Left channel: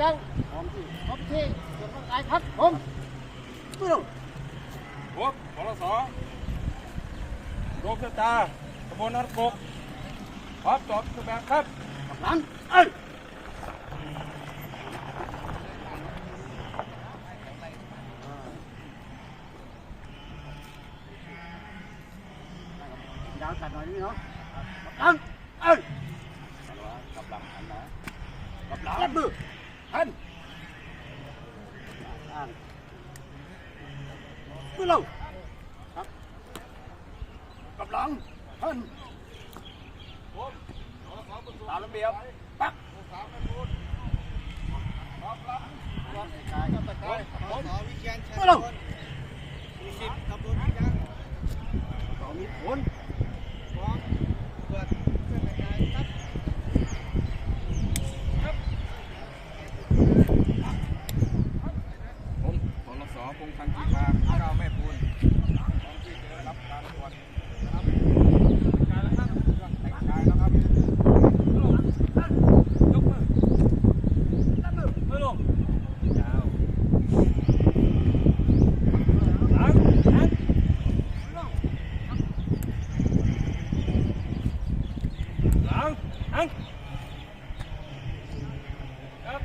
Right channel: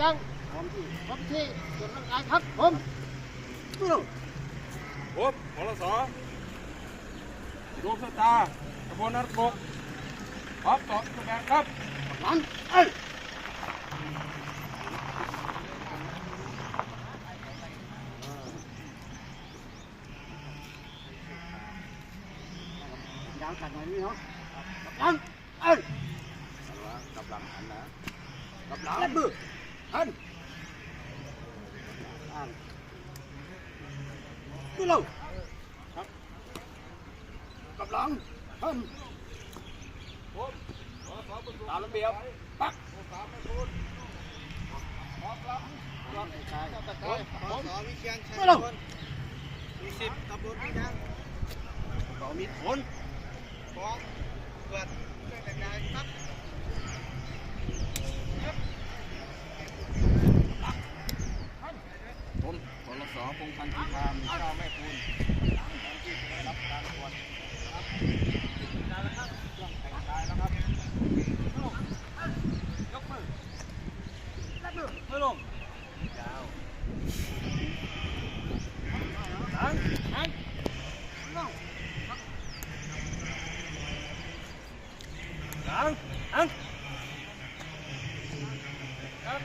ยังพร้อมที่พร้อมที่ส่วนร่างกายครับผมไม่ต้องผมพลสดวงสตาร์ตำบลนัดกกพร้อมตอบทุกแบบครับกำลังเอ้ยยาวจัดหน่อยนี่เนาะกำลังเอ้ยกำลังหันนะกำลังมือ หันอ่านมือเราครับกำลังหันผมพลสประตูตามระเบียบปักสามประตูพร้อมครับรอบกายตะไคร้ผมไม่ลงมีสิบขับรถไม่ได้ต่อมีผล พร้อมเปิดเครื่องแต่งกายครับผมพลันธ์กีทาเจ้าแม่ปูนตอนที่จะได้รับการตรวจนะครับการแต่งกายแล้วครับยกมือไม่ลงยาวหลังหันหลังหันครับ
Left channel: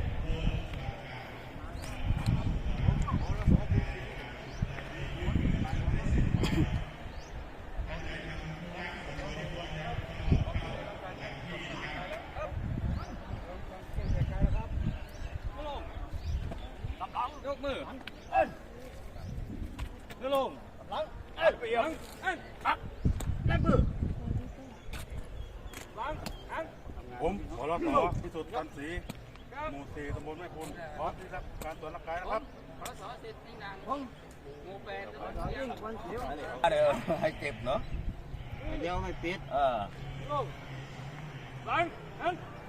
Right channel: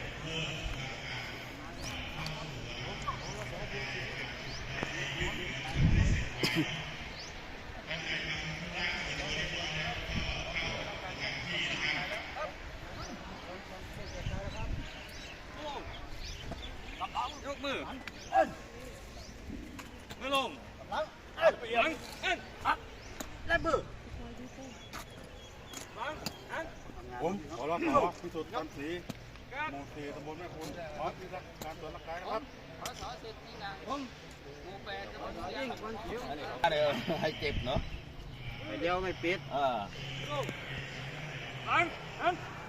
ย กมือมือลงกำลังเอ้ยเปียงอันปักได้มือหลังอันผมขอรับขอพิสูจน์กันสีหมู่สี่ตำบลแม่คุณขอที่รับการตรวจร่างกายนะครับหัวรัศดรสิทธิ์ให้เก็บเนาะเดียวไม่ปิดเออลงหลังอันหลังอัน